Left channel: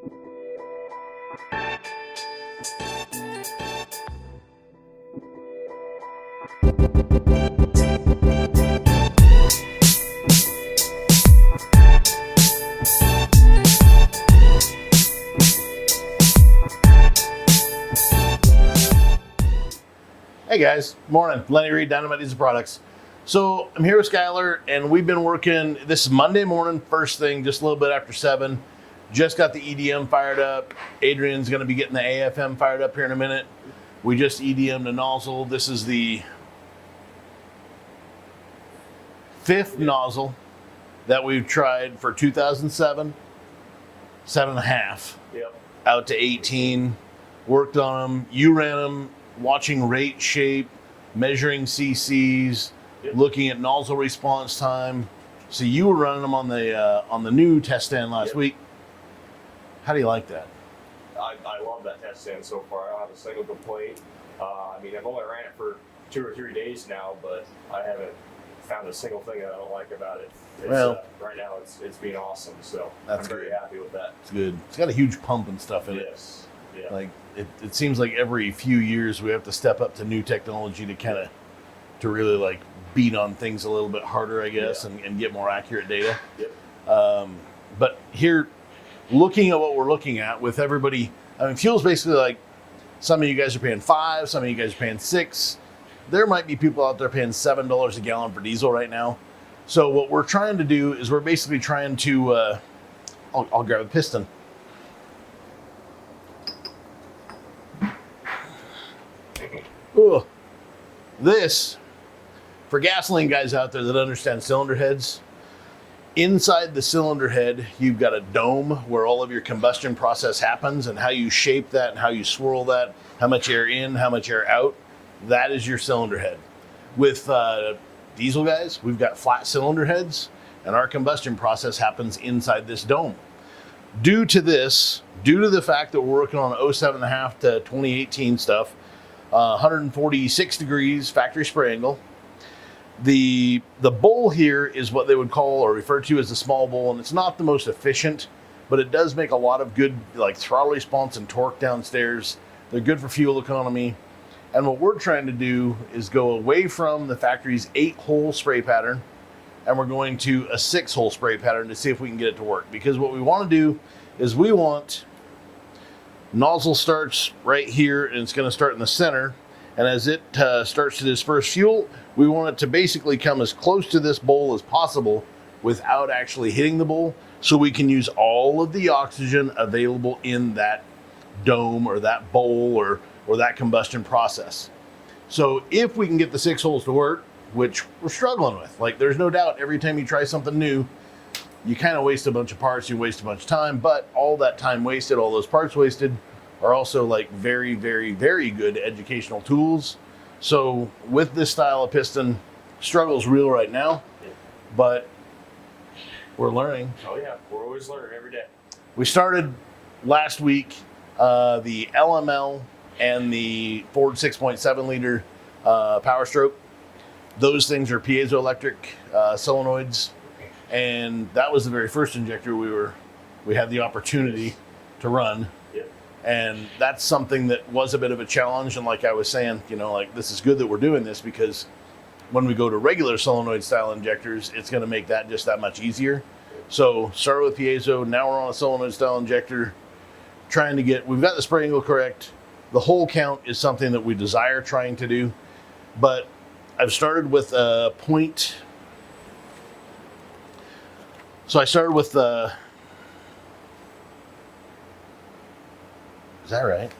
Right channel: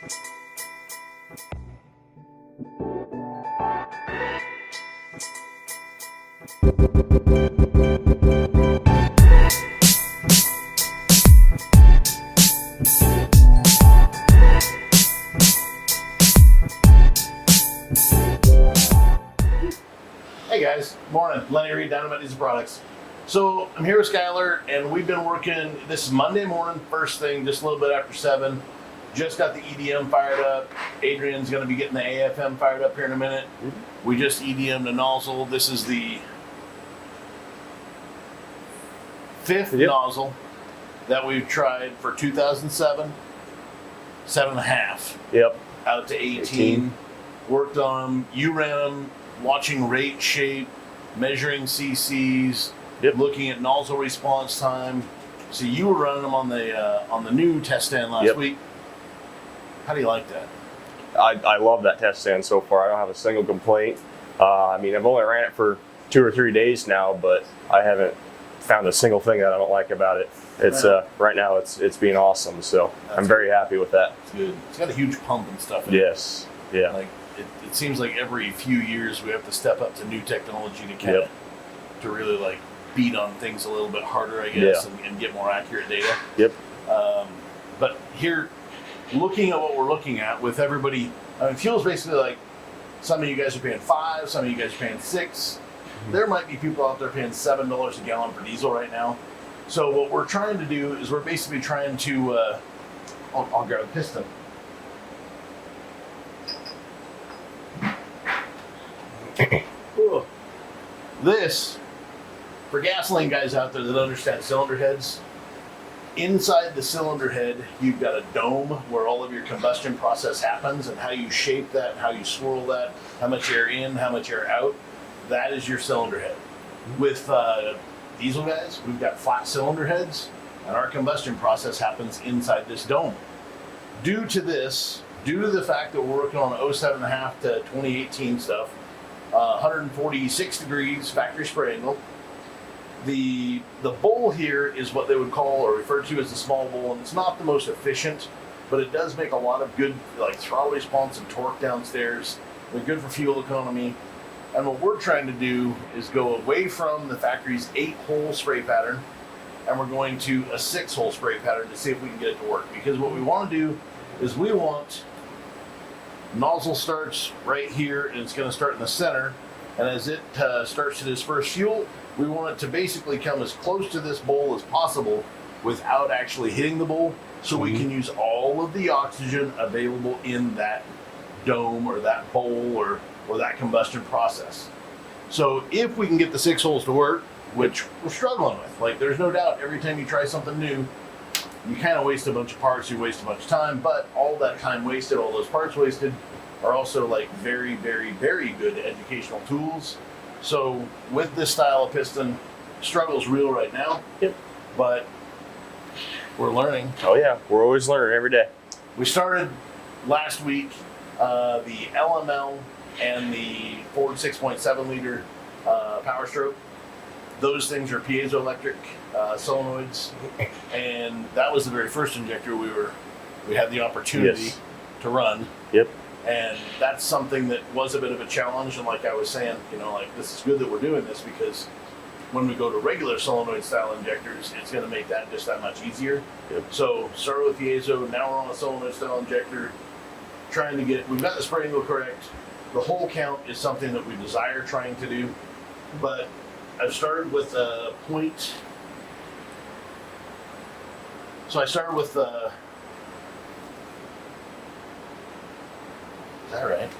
Hey guys, morning. Lenny Reed, Dynomite Products. So I'm here with Skyler, and we've been working. This is Monday morning, first thing, just a little bit after 7. Just got the EDM fired up. Adrian's going to be getting the AFM fired up here in a minute. We just EDM'd a nozzle. This is the 5th nozzle that we've tried for 2007, 7.5. Yep. Out to 18. Worked on them. You ran them. Watching rate, shape, measuring CCs, looking at nozzle response time. So you were running them on the new test stand last week. How do you like that? I love that test stand so far. I don't have a single complaint. I mean, I've only ran it for 2 or 3 days now, but I haven't found a single thing that I don't like about it. It's right now it's being awesome. So I'm very happy with that. It's good. It's got a huge pump and stuff in it. Yes. Yeah. Like it seems like every few years we have to step up to new technology to kind of to really like beat on things a little bit harder, I guess, and get more accurate data. Yep. But here, looking at what we're looking at with everybody, I mean, fuel's basically like some of you guys are paying 5, some of you guys are paying 6. There might be people out there paying $7 a gallon for diesel right now. So what we're trying to do is we're basically trying to, I'll grab a piston. This, for gasoline guys out there that understand cylinder heads, inside the cylinder head, you've got a dome where all of your combustion process happens, and how you shape that, how you swirl that, how much air in, how much air out, that is your cylinder head. With diesel guys, we've got flat cylinder heads, and our combustion process happens inside this dome. Due to the fact that we're working on 07.5 to 2018 stuff, 146 degrees factory spray angle. The bowl here is what they would call or refer to as the small bowl, and it's not the most efficient, but it does make a lot of good like throttle response and torque downstairs. They're good for fuel economy. And what we're trying to do is go away from the factory's 8-hole spray pattern, and we're going to a 6-hole spray pattern to see if we can get it to work. Because what we want to do is we want nozzle starts right here, and it's going to start in the center, and as it starts to disperse fuel, we want it to basically come as close to this bowl as possible without actually hitting the bowl, so we can use all of the oxygen available in that dome or that bowl or that combustion process. So if we can get the 6 holes to work, which we're struggling with, like there's no doubt every time you try something new, you kind of waste a bunch of parts, you waste a bunch of time, but all that time wasted, all those parts wasted, are also like very, very, very good educational tools. So with this style of piston, struggle's real right now, but we're learning. Oh yeah, we're always learning every day. We started last week the LML and the Ford 6.7 liter Power Stroke. Those things are piezoelectric solenoids, and that was the very first injector we had the opportunity to run. Yep. And that's something that was a bit of a challenge. And like I was saying, like this is good that we're doing this, because when we go to regular solenoid style injectors, it's going to make that just that much easier. Yep. So started with piezo, now we're on a solenoid style injector, we've got the spray angle correct. The hole count is something that we desire trying to do, but I've started with a point. So I started with the, is that right?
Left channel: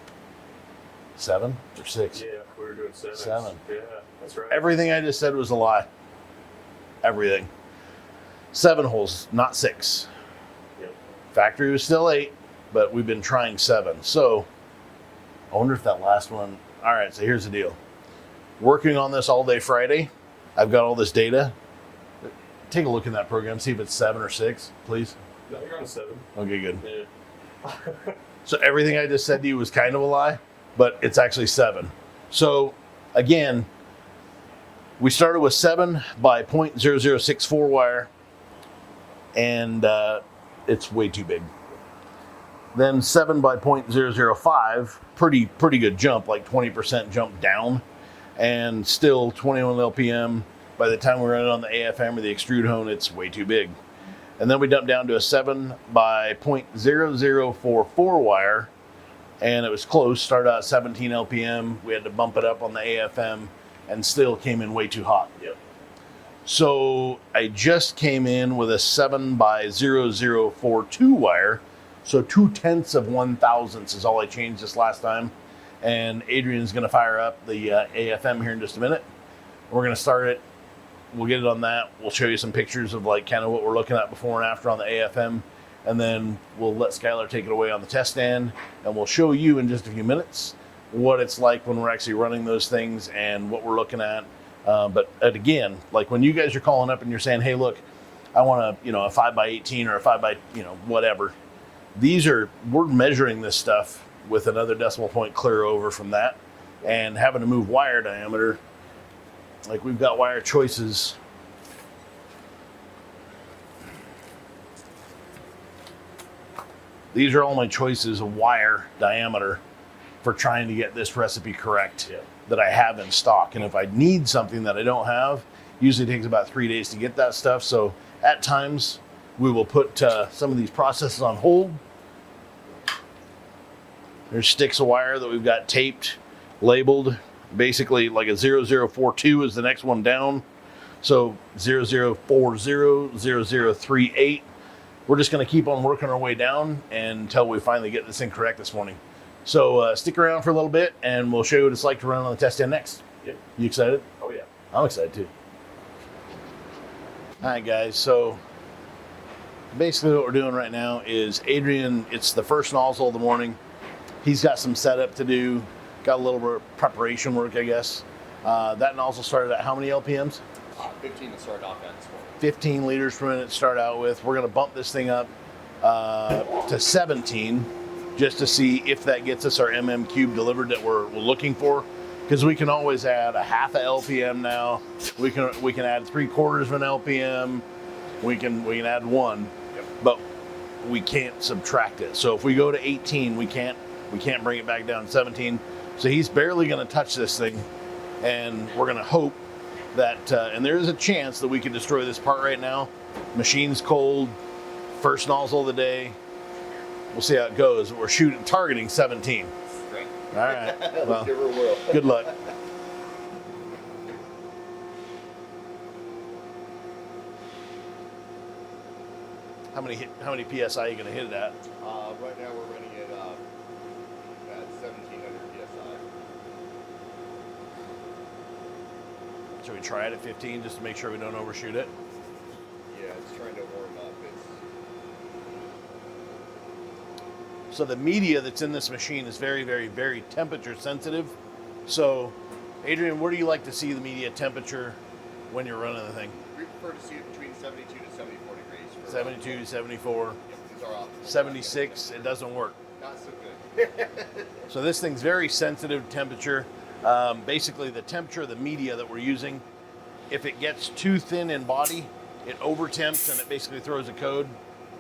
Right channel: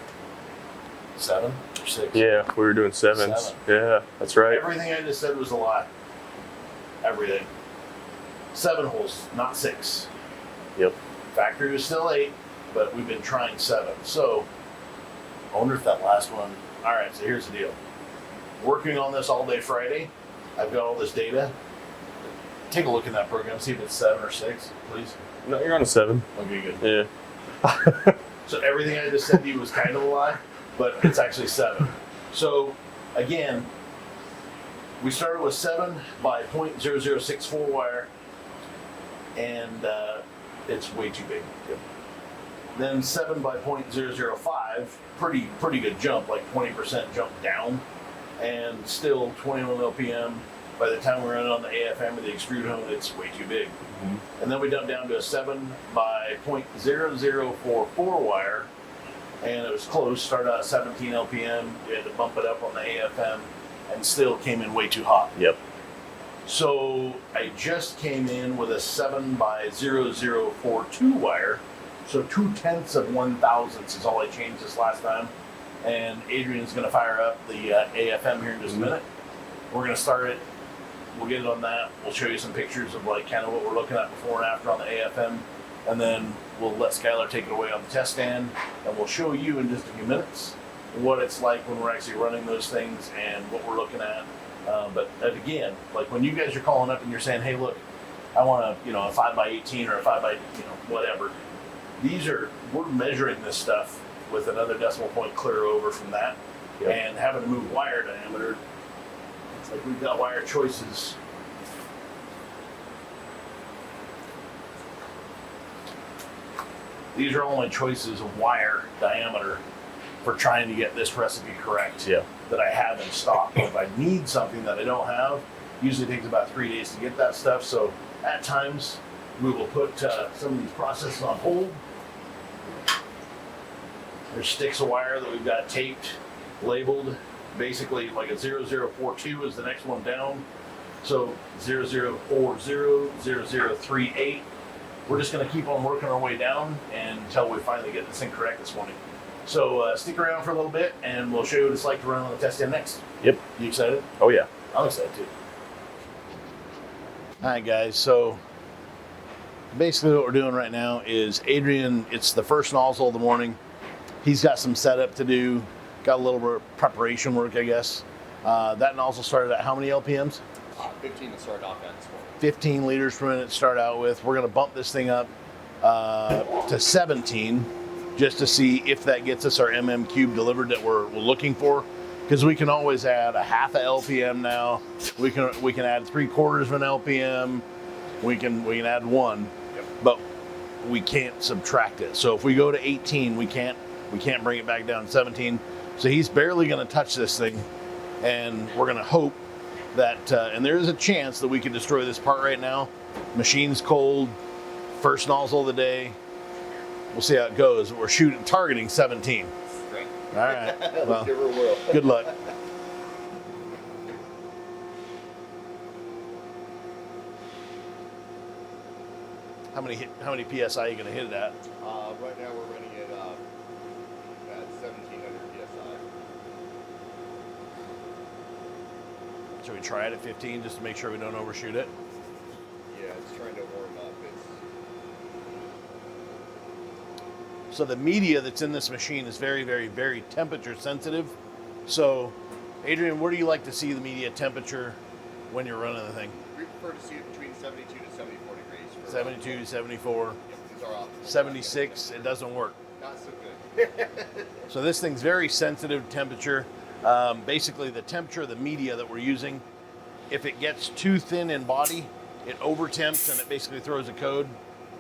7 or 6? Yeah, we were doing 7s. 7. Yeah, that's right. Everything I just said was a lie. Everything. 7 holes, not 6. Yep. Factory was still 8, but we've been trying 7. So I wonder if that last one. All right, so here's the deal. Working on this all day Friday. I've got all this data. Take a look in that program, see if it's 7 or 6, please. No, you're on a 7. Okay, good. Yeah. So everything I just said to you was kind of a lie, but it's actually 7. So again, we started with 7 by 0.0064 wire, and it's way too big. Then 7 by 0.005, pretty good jump, like 20% jump down, and still 21 LPM. By the time we run it on the AFM or the extrude hone, it's way too big. And then we dump down to a 7 by 0.0044 wire, and it was close. Started out at 17 LPM. We had to bump it up on the AFM, and still came in way too hot. Yep. So I just came in with a 7 by 0042 wire. So 0.2 of 1/1000 is all I changed this last time. And Adrian's going to fire up the AFM here in just a minute. We're going to start it. We'll get it on that. We'll show you some pictures of like kind of what we're looking at before and after on the AFM. And then we'll let Skyler take it away on the test stand. And we'll show you in just a few minutes what it's like when we're actually running those things and what we're looking at. But again, like when you guys are calling up and you're saying, hey, look, I want a 5 by 18 or a 5 by, whatever. We're measuring this stuff with another decimal point clear over from that, and having to move wire diameter. Like we've got wire choices. These are only choices of wire diameter for trying to get this recipe correct that I have in stock. And if I need something that I don't have, usually takes about 3 days to get that stuff. So at times we will put some of these processes on hold. There's sticks of wire that we've got taped, labeled. Basically like a 0042 is the next one down. So 0040, 0038. We're just going to keep on working our way down until we finally get this thing correct this morning. So stick around for a little bit and we'll show you what it's like to run on the test stand next. Yep. You excited? Oh yeah. I'm excited too. All right, guys. So basically what we're doing right now is Adrian, it's the first nozzle of the morning. He's got some setup to do, got a little bit of preparation work, I guess. That nozzle started at how many LPMs? 15 to start off at this morning. 15 liters per minute to start out with. We're going to bump this thing up to 17 just to see if that gets us our MM cube delivered that we're looking for. Because we can always add a half a LPM now. We can add 3/4 of an LPM. We can add 1, but we can't subtract it. So if we go to 18, we can't bring it back down to 17. So he's barely going to touch this thing, and we're going to hope that, and there is a chance that we can destroy this part right now. Machine's cold, first nozzle of the day. We'll see how it goes. We're targeting 17. Great. All right. Well, Give her a whirl. good luck. How many PSI are you going to hit it at? Right now we're running it at 1700 PSI. Should we try it at 15 just to make sure we don't overshoot it? Yeah, it's trying to warm up. So the media that's in this machine is very, very, very temperature sensitive. So, Adrian, where do you like to see the media temperature when you're running the thing? We prefer to see it between 72 to 74 degrees. 72, 74, Yep, these are optimal. 76, it doesn't work. Not so good. So this thing's very sensitive to temperature. Basically the temperature of the media that we're using, if it gets too thin in body, it over temps and it basically throws a code,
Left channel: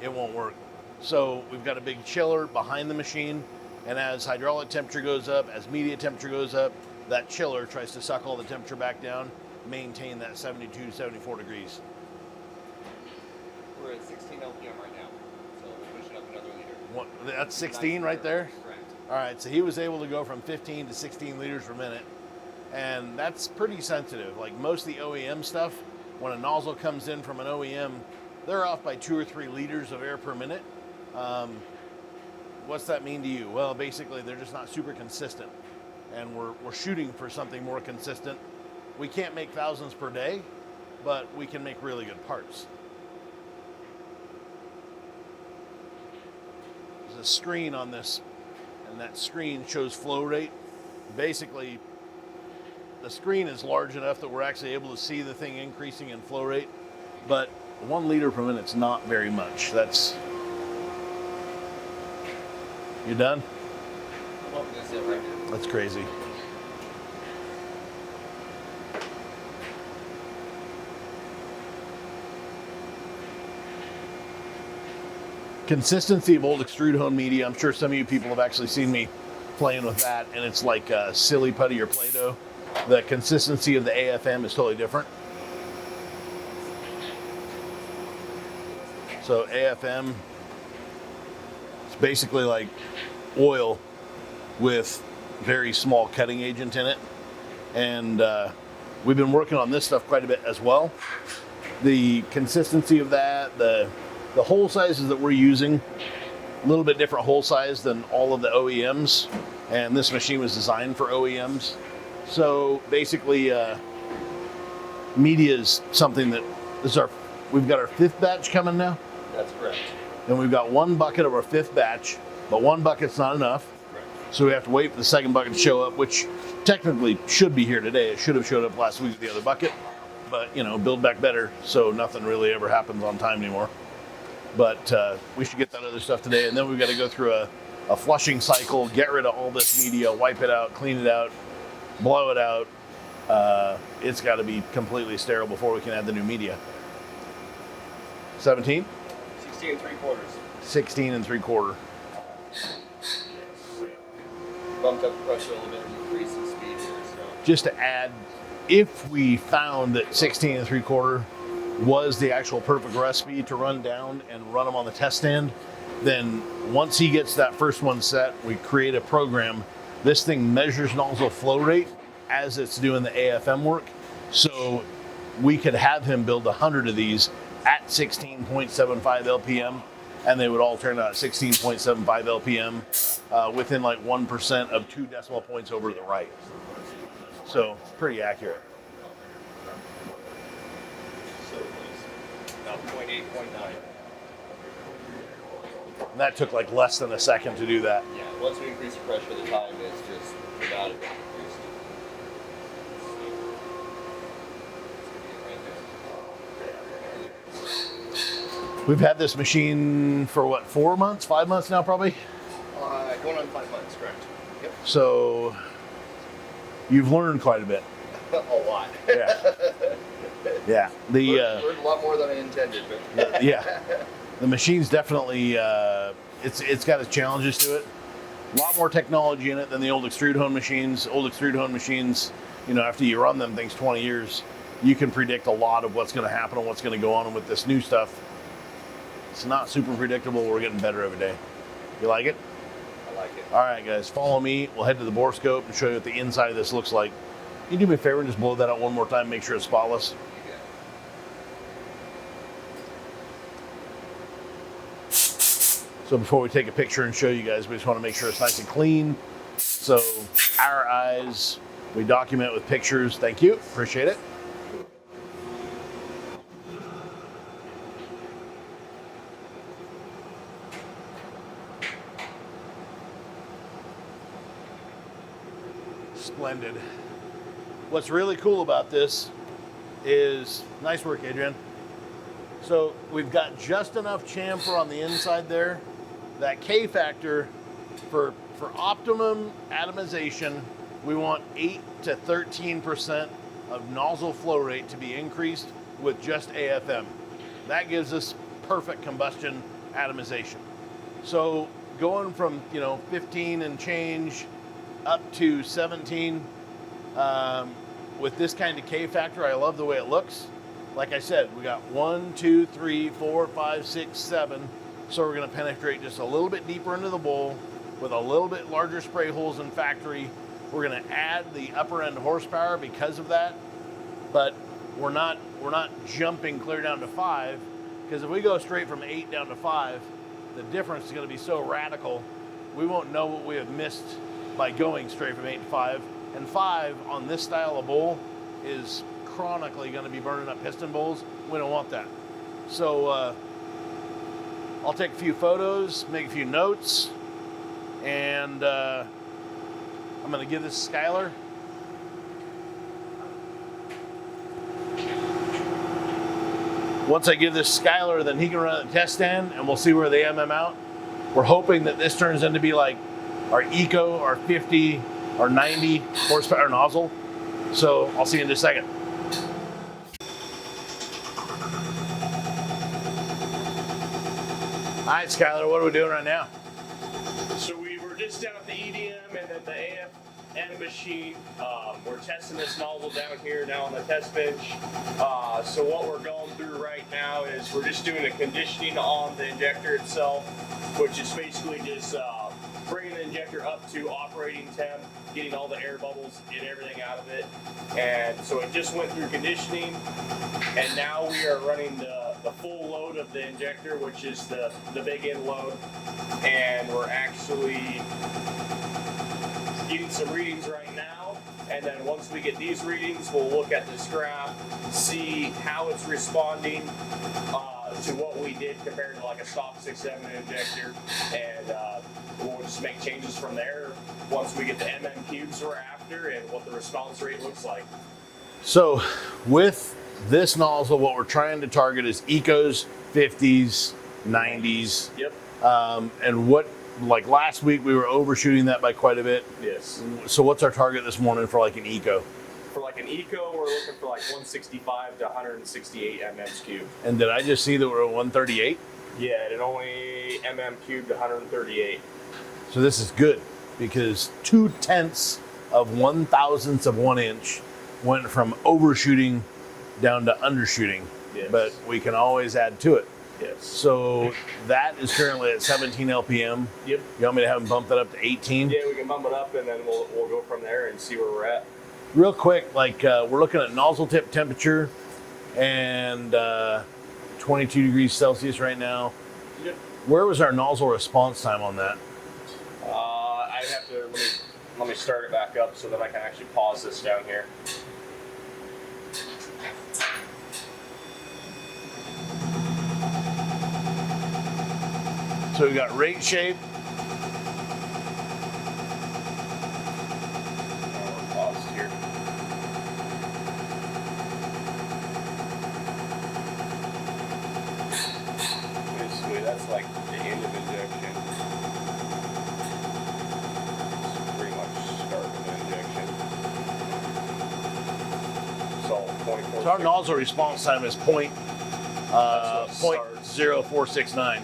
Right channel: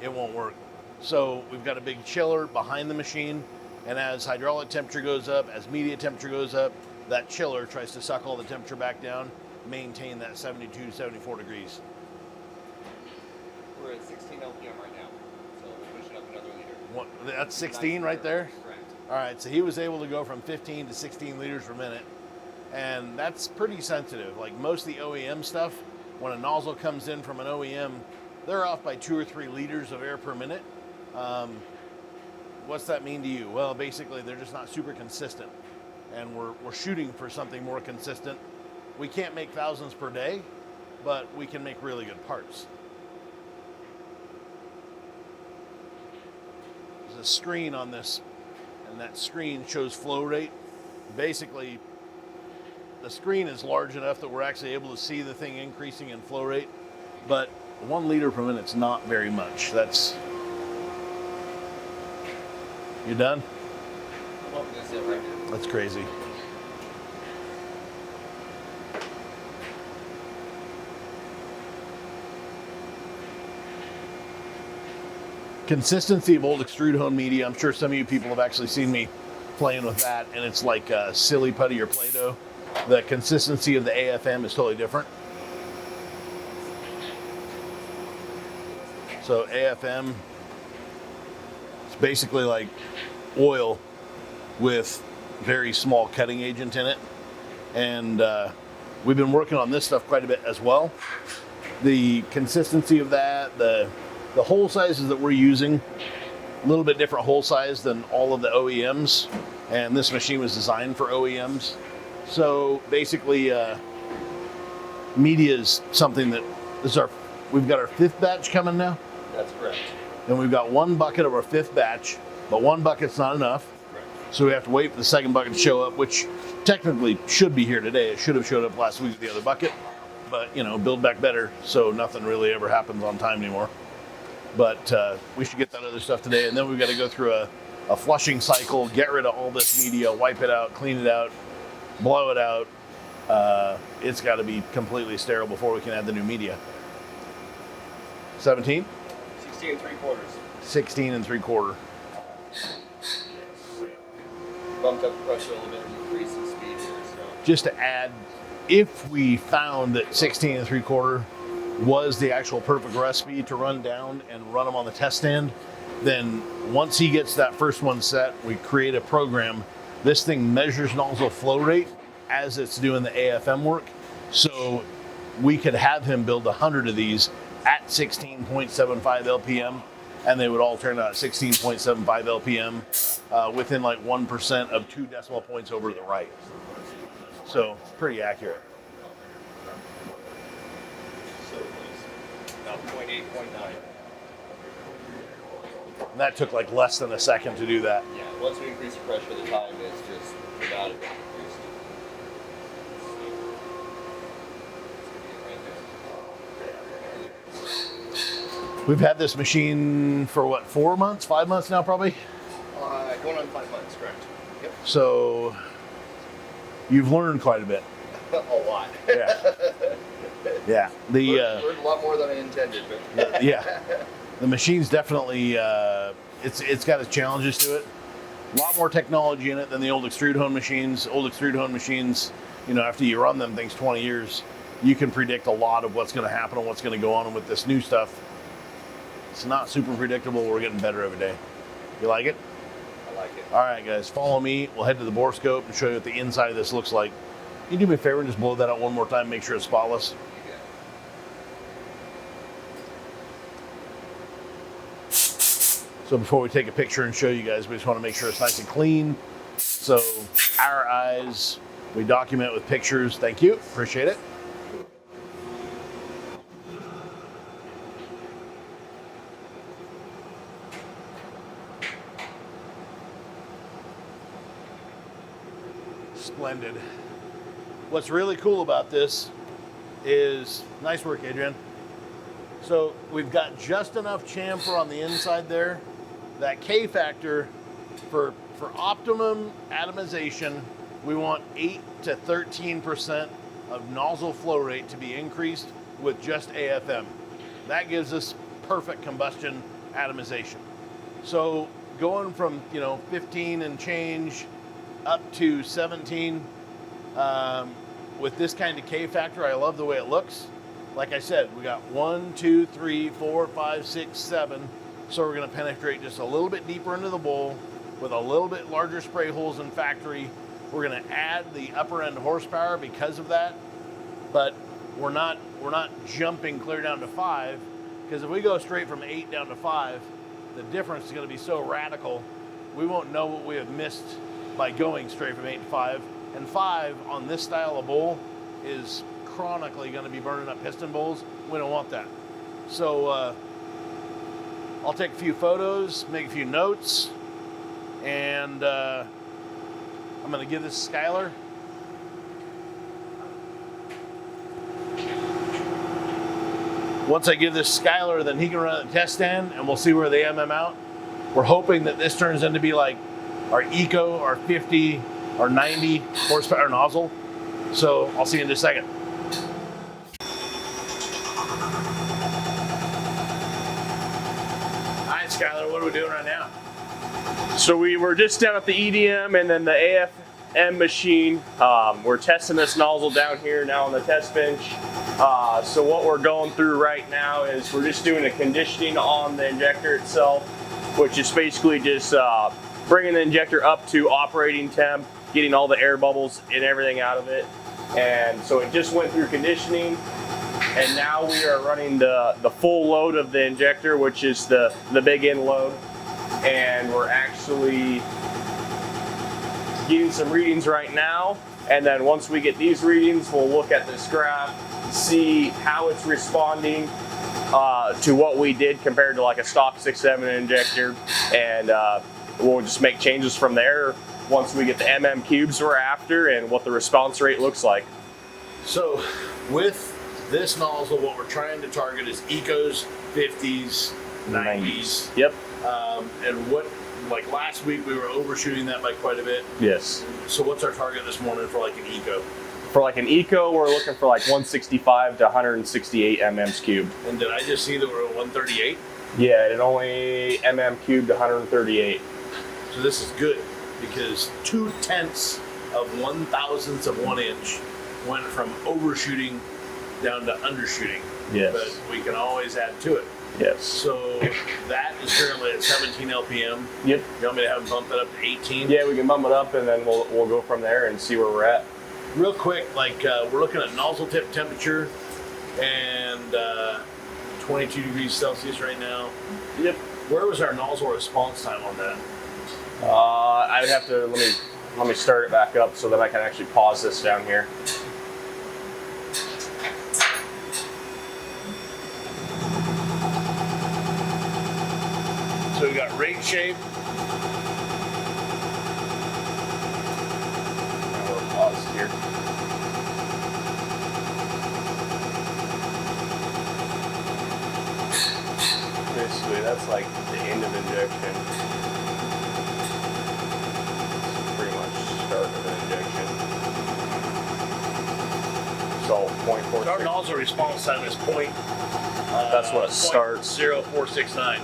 it won't work. So we've got a big chiller behind the machine, and as hydraulic temperature goes up, as media temperature goes up, that chiller tries to suck all the temperature back down, maintain that 72 to 74 degrees. We're at 16 LPM right now, so we'll push it up another liter. That's 16 right there? Correct. All right, so he was able to go from 15 to 16 liters per minute, and that's pretty sensitive. Like most of the OEM stuff, when a nozzle comes in from an OEM, they're off by 2 or 3 liters of air per minute. What's that mean to you? Well, basically, they're just not super consistent, and we're shooting for something more consistent. We can't make thousands per day, but we can make really good parts. There's a screen on this, and that screen shows flow rate. Basically, the screen is large enough that we're actually able to see the thing increasing in flow rate, but 1 liter per minute is not very much. You done? Well, that's it right now. That's crazy. consistency of old extrude hone media. I'm sure some of you people have actually seen me playing with that, and it's like silly putty or Play-Doh. The consistency of the AFM is totally different. So AFM, it's basically like oil with very small cutting agent in it. And we've been working on this stuff quite a bit as well. The consistency of that, the hole sizes that we're using, a little bit different hole size than all of the OEMs. And this machine was designed for OEMs. So basically, media is something that we've got our 5th batch coming now. That's correct. And we've got 1 bucket of our 5th batch, but 1 bucket's not enough. Correct. So we have to wait for the 2nd bucket to show up, which technically should be here today. It should have showed up last week with the other bucket, but build back better, so nothing really ever happens on time anymore. But we should get that other stuff today, and then we've got to go through a flushing cycle, get rid of all this media, wipe it out, clean it out, blow it out. It's got to be completely sterile before we can add the new media. 17? 16 3/4. 16 3/4. Bumped up the pressure a little bit and increased the speed here. So Just to add, if we found that 16 3/4 was the actual perfect recipe to run down and run them on the test stand, then once he gets that first one set, we create a program. This thing measures nozzle flow rate as it's doing the AFM work. So we could have him build 100 of these at 16.75 LPM, and they would all turn out at 16.75 LPM within like 1% of 2 decimal points over to the right. So pretty accurate. so about 0.8, 0.9. And that took like less than a second to do that. Yeah. Once we increase the pressure, the time is just without it increased. We've had this machine for what, 4 months, 5 months now probably? Going on 5 months, correct? Yep. So you've learned quite a bit. A lot. Yeah. Yeah. Learned a lot more than I intended, but Yeah. The machine's definitely, it's got its challenges to it. A lot more technology in it than the old extrude hone machines. Old extrude hone machines, after you run them things 20 years, you can predict a lot of what's going to happen and what's going to go on. And with this new stuff, it's not super predictable. We're getting better every day. You like it? I like it. All right, guys, follow me. We'll head to the bore scope and show you what the inside of this looks like. Can you do me a favor and just blow that out one more time, make sure it's spotless? You got it. So before we take a picture and show you guys, we just want to make sure it's nice and clean. So our eyes, we document with pictures. Thank you, appreciate it. Splendid. What's really cool about this is, nice work, Adrian. So we've got just enough chamfer on the inside there. That K factor for optimum atomization, we want 8 to 13% of nozzle flow rate to be increased with just AFM. That gives us perfect combustion atomization. So going from 15 and change up to 17 with this kind of K factor, I love the way it looks. Like I said, we got 1, 2, 3, 4, 5, 6, 7. So we're going to penetrate just a little bit deeper into the bowl with a little bit larger spray holes than factory. We're going to add the upper end horsepower because of that, but we're not jumping clear down to 5, because if we go straight from 8 down to 5, the difference is going to be so radical, we won't know what we have missed by going straight from 8 to 5. And 5 on this style of bowl is chronically going to be burning up piston bowls. We don't want that. So I'll take a few photos, make a few notes, and I'm going to give this to Skyler. Once I give this to Skyler, then he can run the test stand, and we'll see where they MM out. We're hoping that this turns into be like our Eco, our 50, our 90 horsepower nozzle. So I'll see you in just a second. All right, Skyler, what are we doing right now? So we were just down at the EDM and then the AFM machine. We're testing this nozzle down here now on the test bench. So what we're going through right now is we're just doing a conditioning on the injector itself, which is basically just bringing the injector up to operating temp, getting all the air bubbles and everything out of it. And so it just went through conditioning, and now we are running the full load of the injector, which is the big end load. And we're actually getting some readings right now, and then once we get these readings, we'll look at this graph, see how it's responding to what we did compared to like a stock 6.7 injector, and we'll just make changes from there once we get the MM cubes we're after and what the response rate looks like. So with this nozzle, what we're trying to target is ecos, 50s, 90s. Yep. And what, like last week, we were overshooting that by quite a bit. Yes. So what's our target this morning for like an eco? For like an eco, we're looking for like 165 to 168 mm's cubed. And did I just see that we're at 138? Yeah, and only mm cubed 138. So this is good because 0.2 of 1,000ths of 1 inch went from overshooting down to undershooting. Yes. But we can always add to it. Yes. So that is currently at 17 LPM. Yep. You want me to have them bump that up to 18? Yeah, we can bump it up and then we'll go from there and see where we're at. Real quick, like we're looking at nozzle tip temperature and 22 degrees Celsius right now. Yep. Where was our nozzle response time on that? I would have to let me start it back up so that I can actually pause this down here. So we got rate shape. Now we're paused here. Basically, that's like the end of injection. It's pretty much start of injection. So 0.4. Our nozzle response time is That's what it starts. 0.0469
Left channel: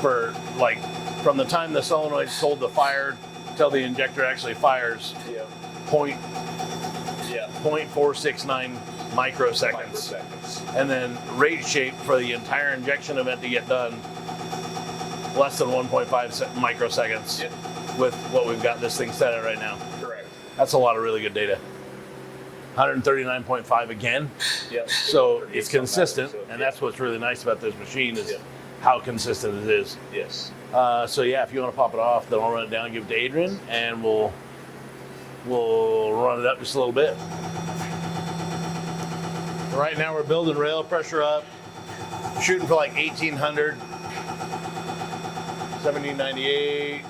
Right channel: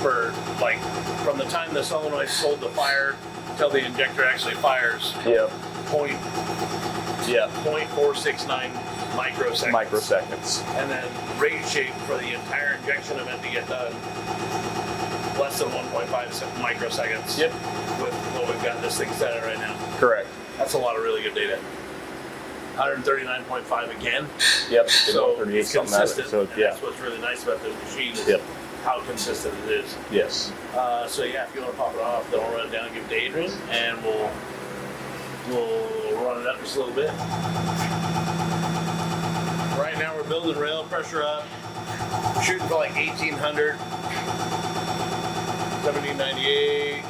for like from the time the solenoid's told to fire till the injector actually fires. Yep. 0.469 microseconds. Microseconds. And then rate shape for the entire injection event to get done, less than 1.5 microseconds. Yep. With what we've got this thing set at right now. Correct. That's a lot of really good data. 139.5 again. Yep. So it's consistent. So, and yeah. that's what's really nice about this machine is Yep. how consistent it is. Yes. So yeah, if you want to pop it off, then I'll run it down and give it to Adrian, and we'll run it up just a little bit. Right now we're building rail pressure up, shooting for like 1800, 1798.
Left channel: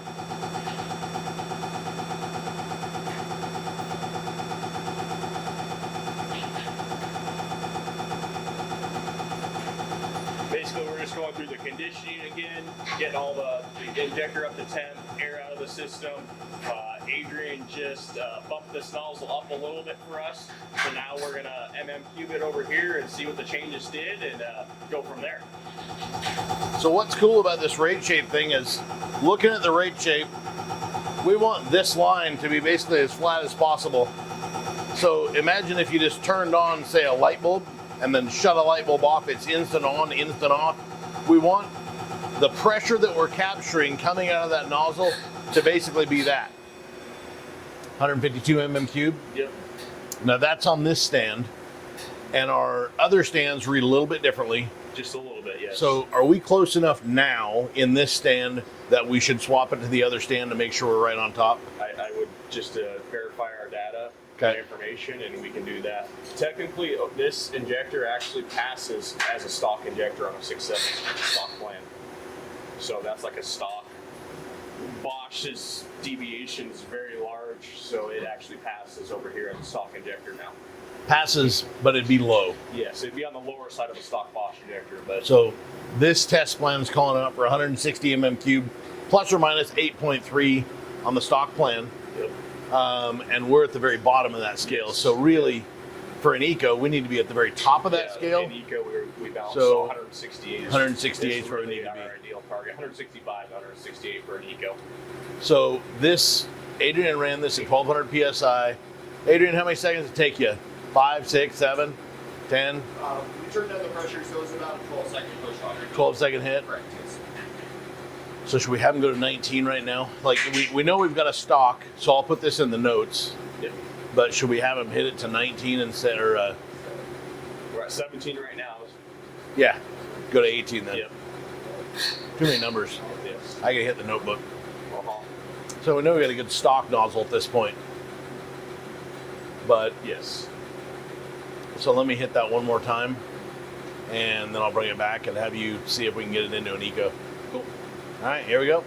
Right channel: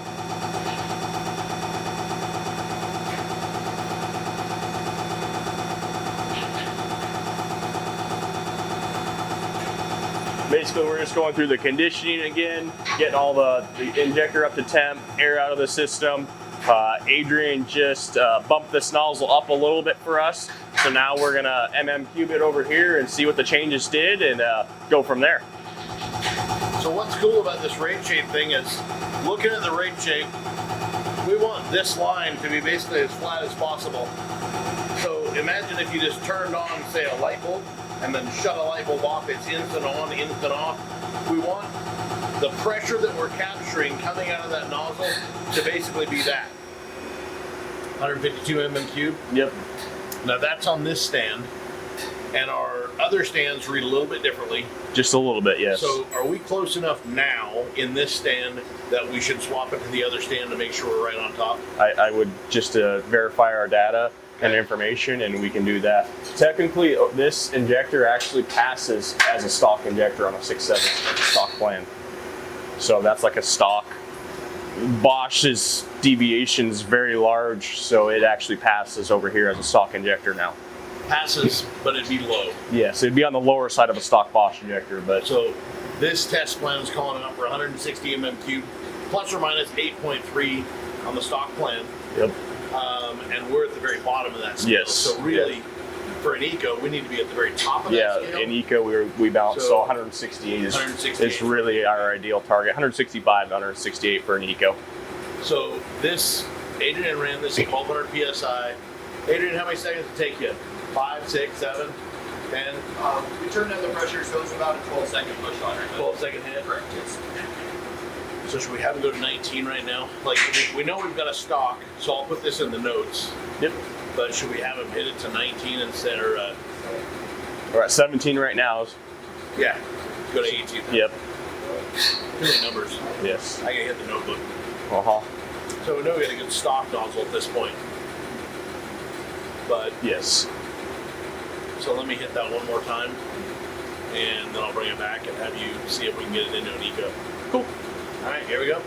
Basically, we're just going through the conditioning again, getting all the injector up to temp, air out of the system. Adrian just bumped this nozzle up a little bit for us. So now we're gonna cube it over here and see what the changes did and go from there. So what's cool about this rate shape thing is, looking at the rate shape, we want this line to be basically as flat as possible. So imagine if you just turned on, say, a light bulb, and then shut a light bulb off, it's instant on, instant off. We want the pressure that we're capturing coming out of that nozzle to basically be that. 152 mm3. Yep. Now that's on this stand, and our other stands read a little bit differently. Just a little bit, yes. So are we close enough now in this stand that we should swap it to the other stand to make sure we're right on top? I would just verify our data and information, and we can do that. Technically, this injector actually passes as a stock injector on a 6.7 stock plan. So that's like a stock. Bosch's deviation is very large, so it actually passes over here as a stock injector now. Passes, but it'd be low. Yes, it'd be on the lower side of a stock Bosch injector, but So this test plan is calling it up for 160 mm3, plus or minus 8.3 on the stock plan. Yep. And we're at the very bottom of that scale. Yes. So really, for an eco, we need to be at the very top of that scale. In eco, we balanced So, 168 168 is really our ideal target. 165 to 168 for an eco. So this, Adrian ran this at 1200 psi. Adrian, how many seconds did it take you? 5, 6, 7, 10? We turned down the pressure, so it's about a 12-second push on it. 12-second hit? Correct, yes. So should we have him go to 19 right now? Like, we know we've got a stock, so I'll put this in the notes. Yep. But should we have him hit it to 19 instead, or We're at 17 right now. yeah, go to 18 then. Yep. Too many numbers. Yes. I gotta hit the notebook. Uh-huh. So we know we got a good stock nozzle at this point. But Yes. so let me hit that one more time, and then I'll bring it back and have you see if we can get it into an eco. Cool. All right, here we go.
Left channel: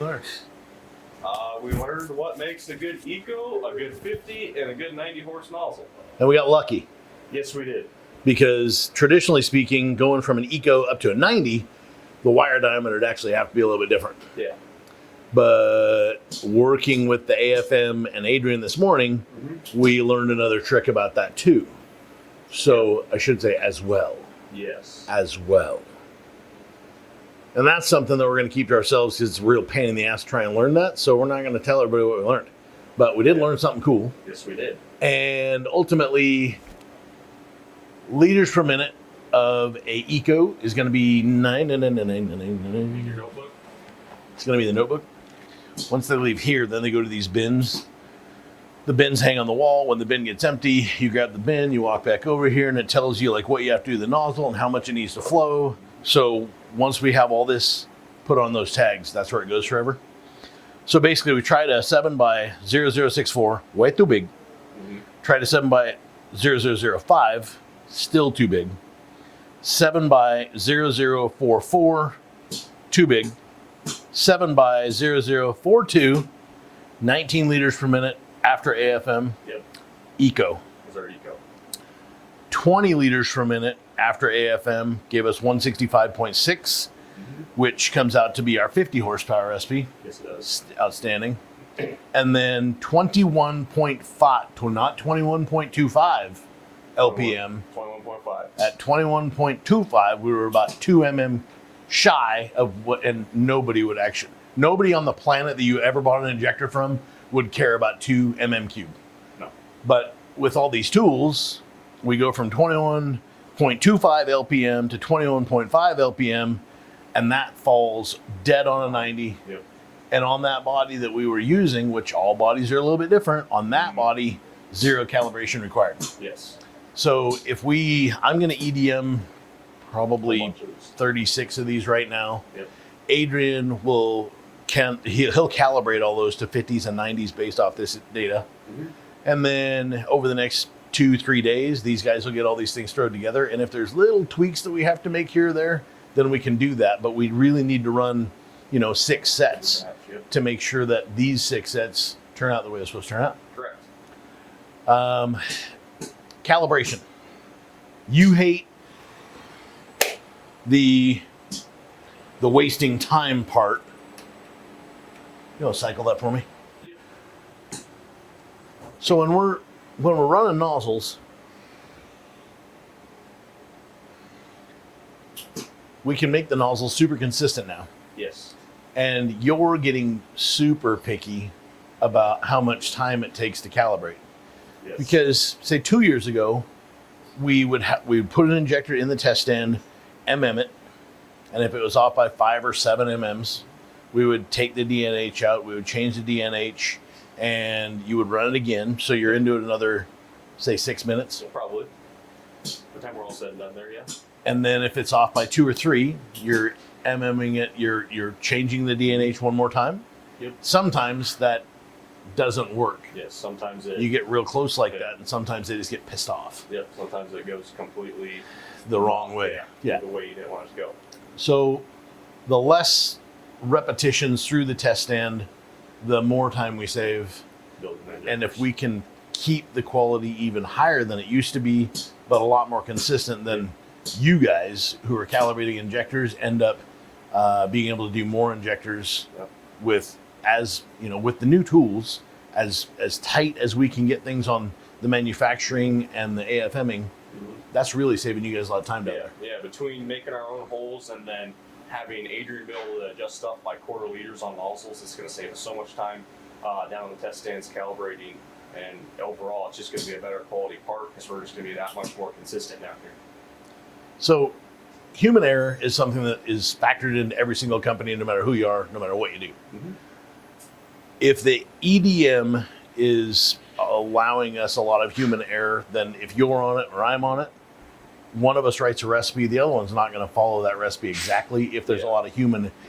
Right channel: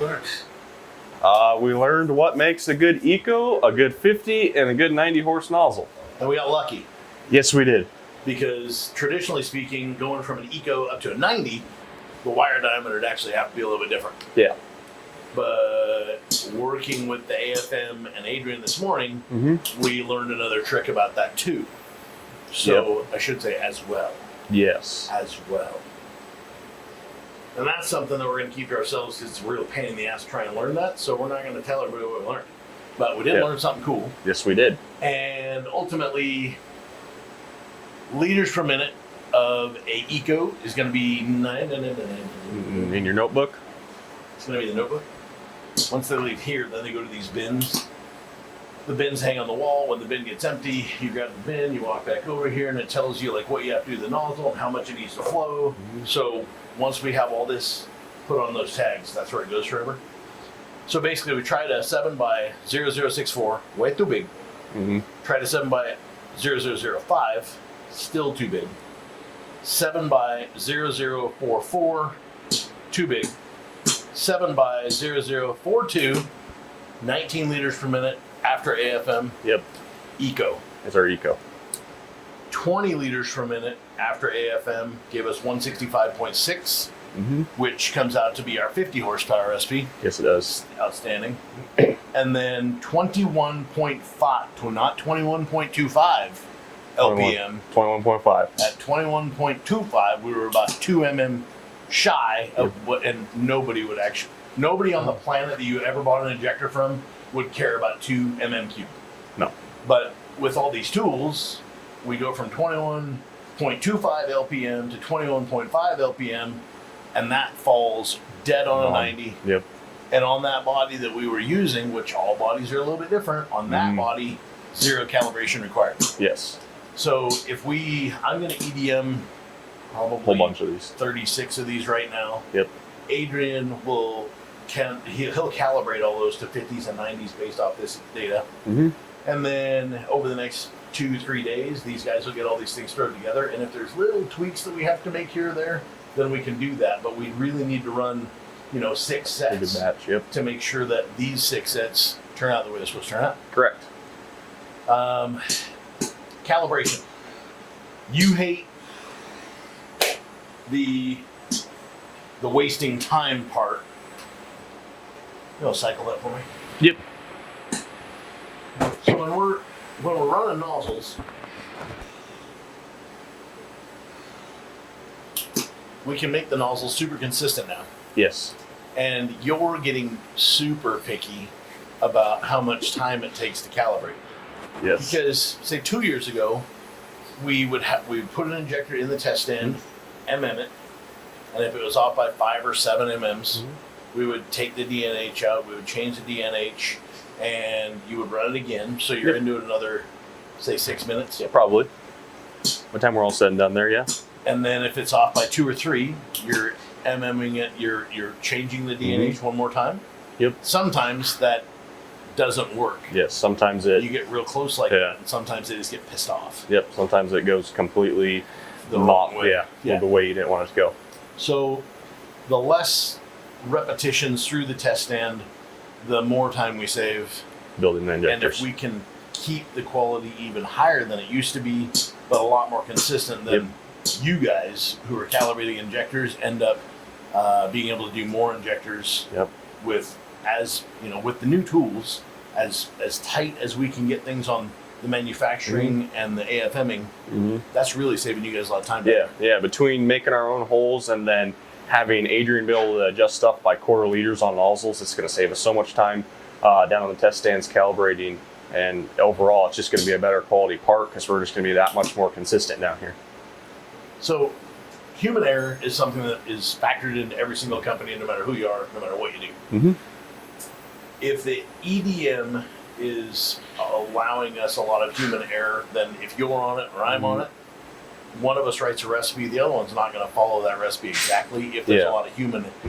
All right. We learned what makes a good eco, a good 50, and a good 90 horse nozzle. And we got lucky Yes, we did. because traditionally speaking, going from an eco up to a 90, the wire diameter would actually have to be a little bit different. Yeah. But working with the AFM and Adrian this morning, we learned another trick about that too. So I should say as well. Yes. As well. And that's something that we're going to keep to ourselves because it's a real pain in the ass to try and learn that. So we're not going to tell everybody what we learned. But we did learn something cool. Yes, we did. And ultimately, liters per minute of a eco is going to be 9. In your notebook? It's going to be the notebook. Once they leave here, then they go to these bins. The bins hang on the wall. When the bin gets empty, you grab the bin, you walk back over here, and it tells you like what you have to do to the nozzle and how much it needs to flow. So once we have all this put on those tags, that's where it goes forever. So basically, we tried a 7 by 0064, way too big. Tried a 7 by 0005, still too big. 7 by 0044, too big. 7 by 0042, 19 liters per minute after AFM. Yep. Eco. It's our eco. 20 liters per minute after AFM gave us 165.6, which comes out to be our 50 horsepower recipe. Yes, it does. Outstanding. And then 21.5 to not 21.25 LPM. 21.5. At 21.25, we were about 2 mm shy of what, and nobody on the planet that you ever bought an injector from would care about 2 mm cubed. No. But with all these tools, we go from 21.25 LPM to 21.5 LPM, and that falls dead on a 90. Yep. And on that body that we were using, which all bodies are a little bit different, on that body, 0 calibration required. Yes. So if I'm going to EDM probably Whole bunch of these. 36 of these right now. Yep. Adrian he'll calibrate all those to 50s and 90s based off this data. And then over the next 2-3 days, these guys will get all these things thrown together. And if there's little tweaks that we have to make here or there, then we can do that. But we really need to run, 6 sets Batch, yep. to make sure that these 6 sets turn out the way they're supposed to turn out. Correct. Calibration. You hate the wasting time part. You want to cycle that for me? Yep. So when we're running nozzles, we can make the nozzles super consistent now. Yes. And you're getting super picky about how much time it takes to calibrate. Yes. Because say 2 years ago, we would put an injector in the test stand, MM it, and if it was off by 5 or 7 mm's, we would take the DNH out, we would change the DNH, and you would run it again. So you're into it another, say, 6 minutes. Yeah, probably. By the time we're all said and done there, yeah. And then if it's off by 2 or 3, you're MMing it, you're changing the DNH one more time. Yep. Sometimes that doesn't work. Yes, sometimes it... You get real close like that, and sometimes they just get pissed off. Yep, sometimes it goes completely... The wrong way. Yeah, the way you didn't want it to go. So the less repetitions through the test stand, the more time we save. Building the injectors. And if we can keep the quality even higher than it used to be, but a lot more consistent, then you guys who are calibrating injectors end up being able to do more injectors with the new tools as tight as we can get things on the manufacturing and the AFMing, that's really saving you guys a lot of time. Yeah. Between making our own holes and then having Adrian be able to adjust stuff by quarter liters on nozzles, it's going to save us so much time down on the test stands calibrating. And overall, it's just going to be a better quality part because we're just going to be that much more consistent down here. So human error is something that is factored into every single company, no matter who you are, no matter what you do. If the EDM is allowing us a lot of human error, then if you're on it or I'm on it, one of us writes a recipe, the other one's not going to follow that recipe exactly if there's a lot of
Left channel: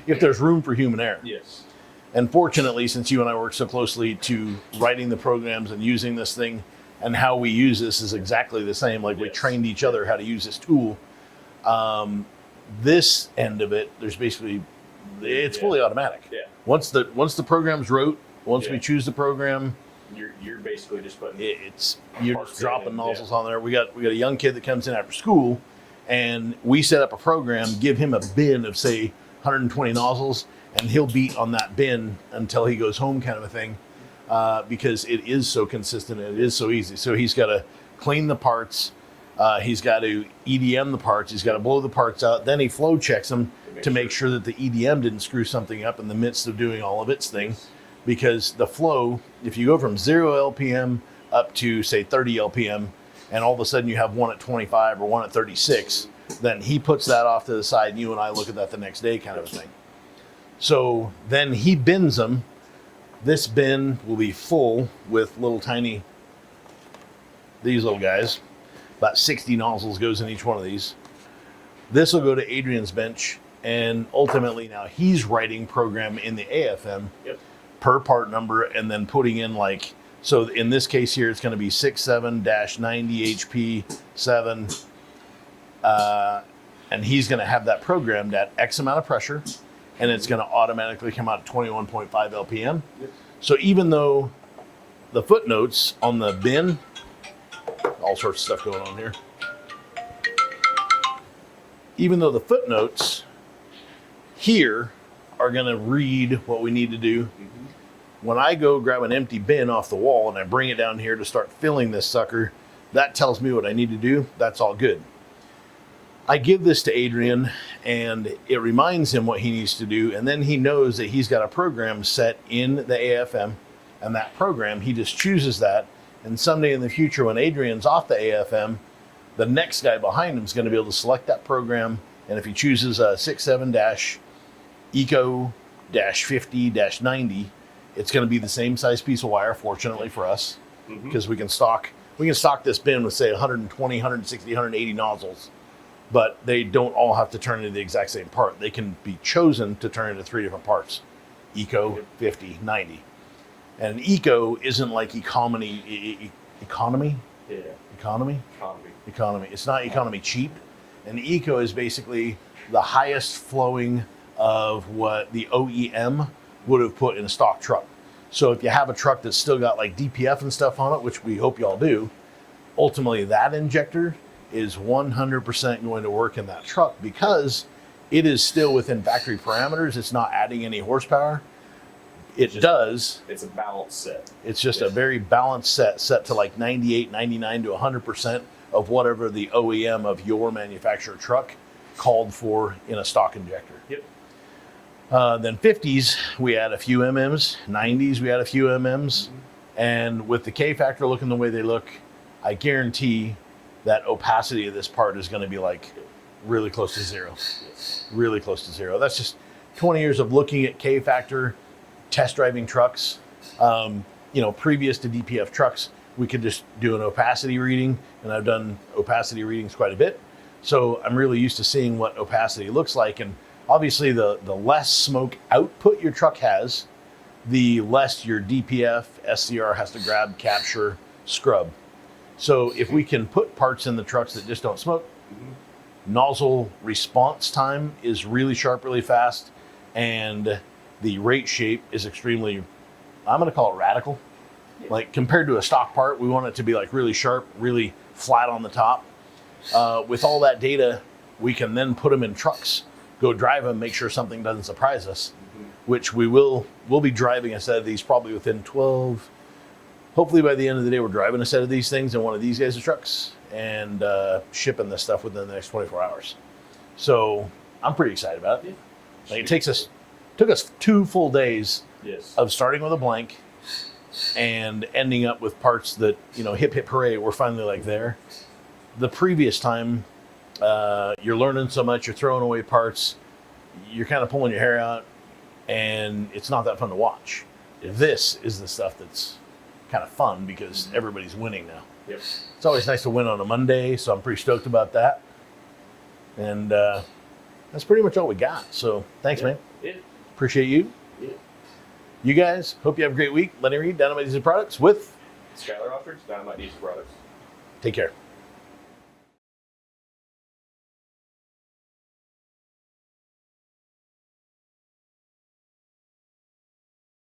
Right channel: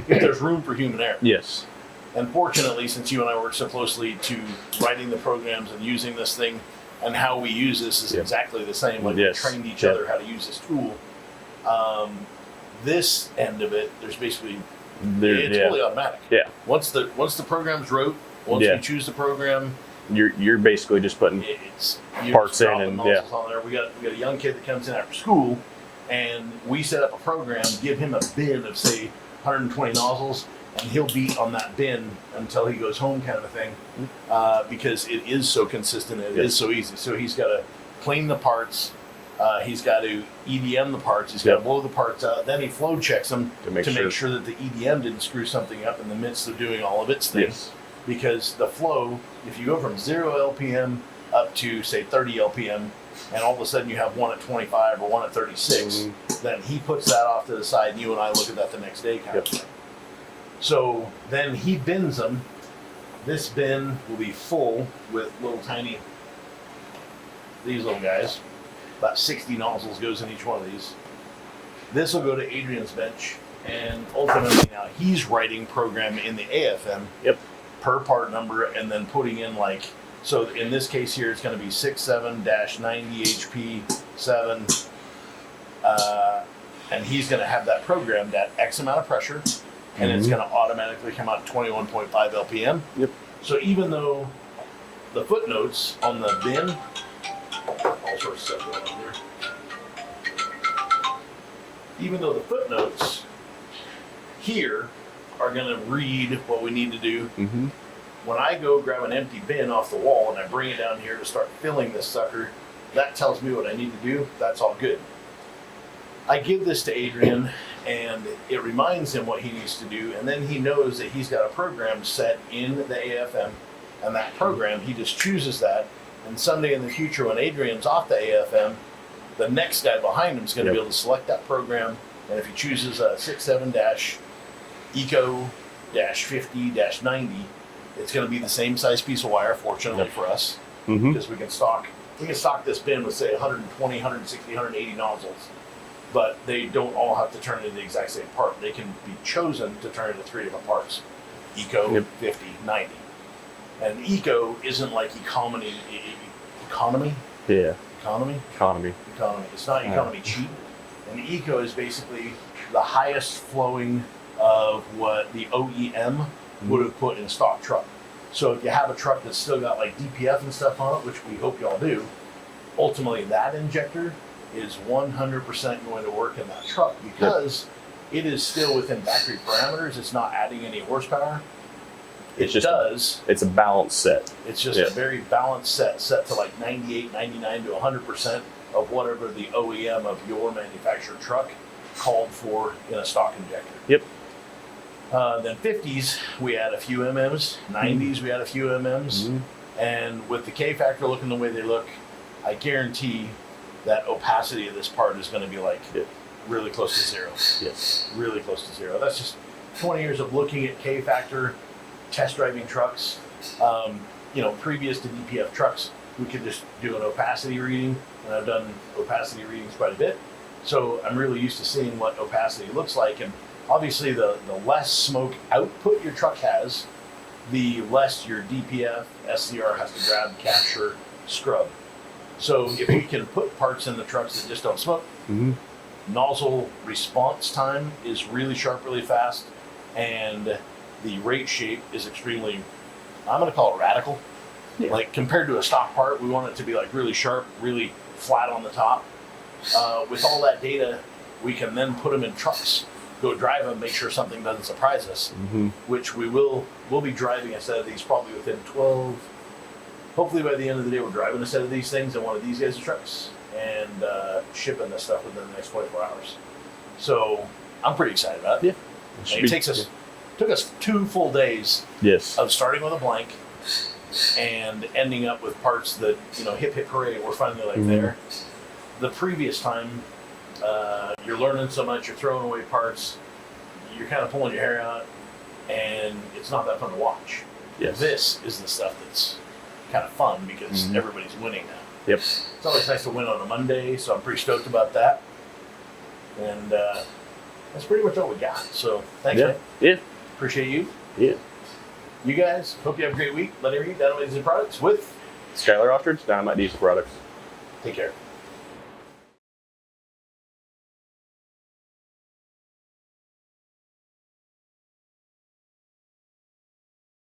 if there's room for human error. Yes. And fortunately, since you and I work so closely to writing the programs and using this thing, and how we use this is exactly the same. Like we trained each other how to use this tool. This end of it, there's basically it's fully automatic. Yeah. Once the program's wrote, once we choose the program, you're basically just putting parts in and nozzles on there. We got a young kid that comes in after school, and we set up a program, give him a bin of say 120 nozzles, and he'll beat on that bin until he goes home, kind of a thing, because it is so consistent and it is so easy. So he's got to clean the parts, he's got to EDM the parts, he's got to blow the parts out, then he flow checks them to make sure that the EDM didn't screw something up in the midst of doing all of its things. Because the flow, if you go from 0 LPM up to say 30 LPM, and all of a sudden you have one at 25 or one at 36, then he puts that off to the side, and you and I look at that the next day, kind of thing. So then he bins them. This bin will be full with little tiny, these little guys. About 60 nozzles goes in each one of these. This will go to Adrian's bench, and ultimately now he's writing program in the AFM per part number, and then putting in so in this case here, it's going to be 67-90 HP 7, and he's going to have that programmed at X amount of pressure. And it's going to automatically come out at 21.5 LPM. So even though the footnotes on the bin, all sorts of stuff going on here. Even though the footnotes here are going to read what we need to do, when I go grab an empty bin off the wall and I bring it down here to start filling this sucker, that tells me what I need to do. That's all good. I give this to Adrian, and it reminds him what he needs to do, and then he knows that he's got a program set in the AFM, and that program, he just chooses that, and someday in the future when Adrian's off the AFM, the next guy behind him is going to be able to select that program, and if he chooses a 67-Eco-50-90, it's going to be the same size piece of wire, fortunately for us, because we can stock this bin with, say, 120, 160, 180 nozzles. But they don't all have to turn into the exact same part. They can be chosen to turn into 3 different parts. Eco, 50, 90. And Eco isn't like economy? Yeah. Economy. It's not economy cheap. And Eco is basically the highest flowing of what the OEM would have put in a stock truck. So if you have a truck that's still got like DPF and stuff on it, which we hope y'all do, ultimately that injector is 100% going to work in that truck because it is still within factory parameters. It's not adding any horsepower. It's a balanced set. It's just a very balanced set to like 98, 99 to 100% of whatever the OEM of your manufacturer truck called for in a stock injector. Then 50s, we add a few MMs. 90s, we add a few MMs. And with the K factor looking the way they look, I guarantee that opacity of this part is going to be like really close to zero. Really close to zero. That's just 20 years of looking at K factor, test driving trucks. Previous to DPF trucks, we could just do an opacity reading, and I've done opacity readings quite a bit. So I'm really used to seeing what opacity looks like. And obviously the less smoke output your truck has, the less your DPF, SCR has to grab, capture, scrub. So if we can put parts in the trucks that just don't smoke, nozzle response time is really sharp, really fast, and the rate shape is extremely, I'm going to call it radical. Like compared to a stock part, we want it to be like really sharp, really flat on the top. With all that data, we can then put them in trucks, go drive them, make sure something doesn't surprise us, which we'll be driving a set of these probably within 12 hopefully by the end of the day, we're driving a set of these things in one of these guys' trucks and shipping this stuff within the next 24 hours. So I'm pretty excited about it. Yeah. It took us 2 full days Yes. of starting with a blank and ending up with parts that, hip hip hooray, we're finally like there. The previous time, you're learning so much, you're throwing away parts, you're kind of pulling your hair out, and it's not that fun to watch. Yes. This is the stuff that's kind of fun because everybody's winning now. Yep. It's always nice to win on a Monday, so I'm pretty stoked about that. And that's pretty much all we got. So thanks, man. Yeah. Appreciate you. Yeah. You guys, hope you have a great week. Lenny Reed, Dynomite Diesel Products with Skyler Ostrich, Dynomite Diesel Products. Take care.